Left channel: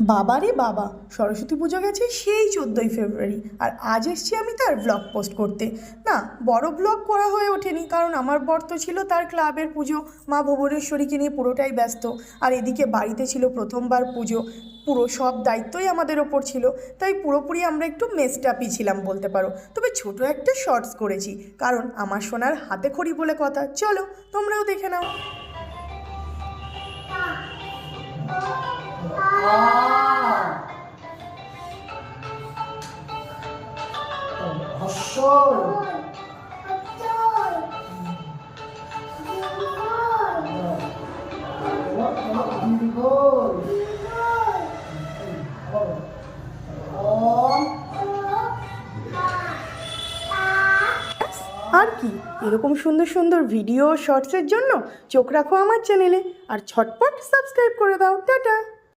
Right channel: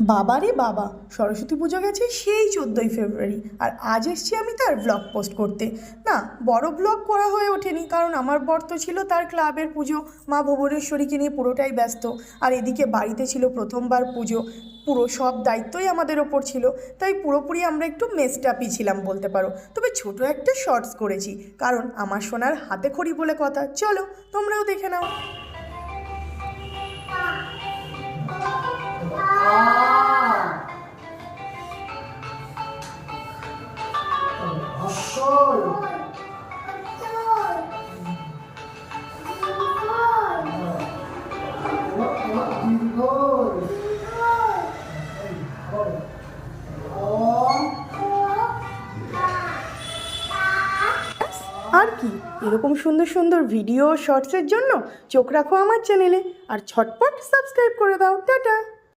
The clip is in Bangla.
বাবা রে বাবা, সরস্বতী পুজো গেছে সেই 14ই ফেব্রুয়ারি, আর আজ এসছি আমি তার ব্লগ পোস্ট করতে। না, বড় ব্লগ করা হয়ে ওঠেনি, কারণ আমার বর তো ছিল তার ক্লাবের পুজো, মা ভুবনেশ্বরীকে নিয়ে পুরোটাই ব্যস্ত। আর এদিকে বাড়িতে ছিল প্রথমবার পুজো, পুরো সব দায়িত্বই আমাদের ওপর ছিল। তাই পুরোপুরি আমরা একটু মেস্টাপই ছিলাম বলতে পারো। তবে ছোট একটা শর্টস করেছি, কারণ আমার সোনার হাতে খড়ি বলে কথা। চলো তোমরাও দেখে নাও। আর কি, এরকম সুন্দর সুন্দর ভিডিও শর্টসের জন্য চোখ রাখো আমার চ্যানেলে, আর ঝটপট সাবস্ক্রাইব করে দাও। টাটা।